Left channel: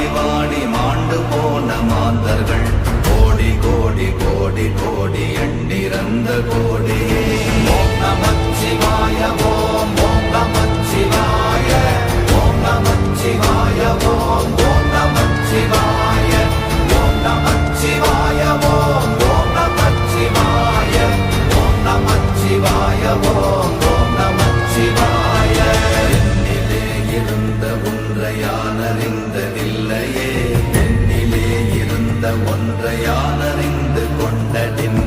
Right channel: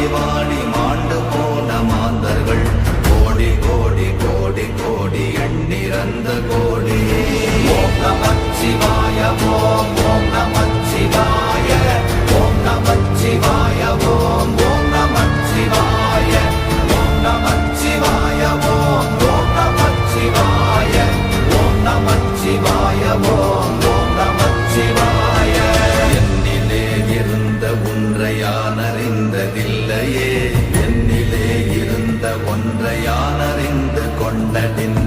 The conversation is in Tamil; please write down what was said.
வாடி வாடி மாண்டு போன மாந்தர்கள் கோடி கோடி கோடி கோடி எண்ணிறந்த கோடி. ஓம் நமச்சிவாய ஓம் ஓம் நமச்சிவாய ஓம் நமச்சிவாய ஓம் ஓம் நமச்சிவாய ஓம் நமச்சிவாய ஓம் ஓம் நமச்சிவாய ஓம் நமச்சிவாய ஓம் ஓம் நமச்சிவாய. என்னிலே இருந்த ஒன்றை யான் அறிந்ததில்லையே, என்னிலே இருந்த ஒன்றை யான் அறிந்து கொண்டடின்